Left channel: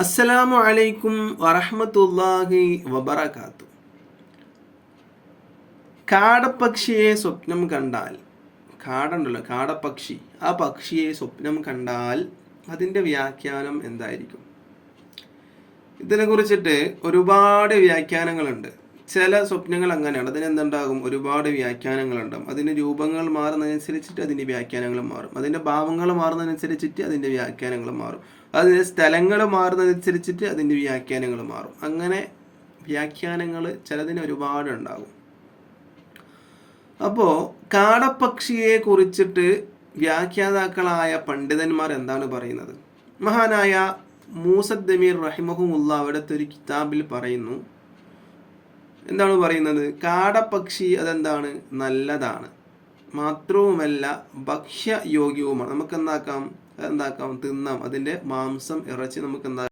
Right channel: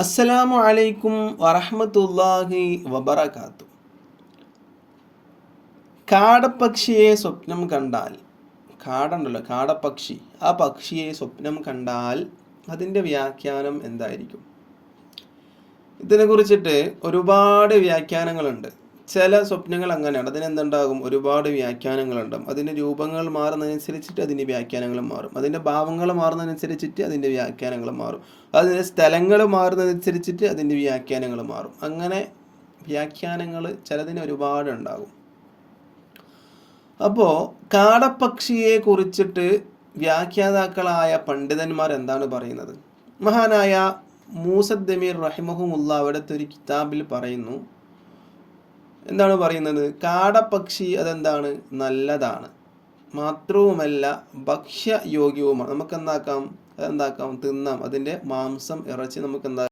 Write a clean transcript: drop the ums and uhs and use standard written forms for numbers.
അസ്സലാമു അലൈക്കും വറഹ്മത്തുള്ളാഹി വബറകാത്തു. കാടപ്പക്ഷിയെ സ്വപ്നം കണ്ടാൽ, കാടുണ്ടല്ലോ കാടപ്പക്ഷി, ആ പക്ഷിയെ സ്വപ്നം കണ്ടാൽ അതിൻ്റെ വ്യാഖ്യാനം എന്തായിരിക്കും? ഇതിനെക്കുറിച്ചിട്ട് ഒരുപാട് വ്യാഖ്യാനങ്ങളുണ്ട്. ചില സ്വപ്നങ്ങൾ അങ്ങനെയാണ്, അതിനെന്തുണ്ടാകും, ഒരുപാട് വ്യാഖ്യാനങ്ങളുണ്ടാകും. അതിൻ്റെ രൂപങ്ങൾ മാറുന്നതനുസരിച്ചിട്ട് അതിൻ്റെ വ്യാഖ്യാനങ്ങളും മാറും. അതിൻ്റെ ഭാവങ്ങൾ മാറുന്നതനുസരിച്ചിട്ട് അതിൻ്റെ വ്യാഖ്യാനങ്ങളും മാറും. അതിൻ്റെ സ്ഥലങ്ങൾ മാറുന്നതനുസരിച്ചിട്ട് അതിൻ്റെ വ്യാഖ്യാനങ്ങൾ മാറും. അങ്ങനെ വ്യാഖ്യാനങ്ങൾ ചിലതിന് ഒരുപാടുണ്ടാകും. അപ്പോൾ കാടപ്പക്ഷിയെ കുറിച്ചിട്ട് വ്യാഖ്യാതാക്കളായ പണ്ഡിതന്മാർ എന്താണ് പറയുന്നത്? മഹാനായ മൂസദ്ദമീർ റഹിമഹുമുള്ള അവിടുത്തെ ഒരു കിതാബിൽ പറയുന്നു. എന്താണ് പറയുന്നത്? കാടപ്പക്ഷി അതെന്താണ്, നല്ലതാണ്, മാത്രവുമല്ല ഭക്ഷ്യയോഗ്യവുമാണ്. നമുക്ക് എന്താക്കാം, തിന്നാം. അതിൻ്റെ മാംസം, ഇറച്ചി നമുക്ക് എന്താക്കാം.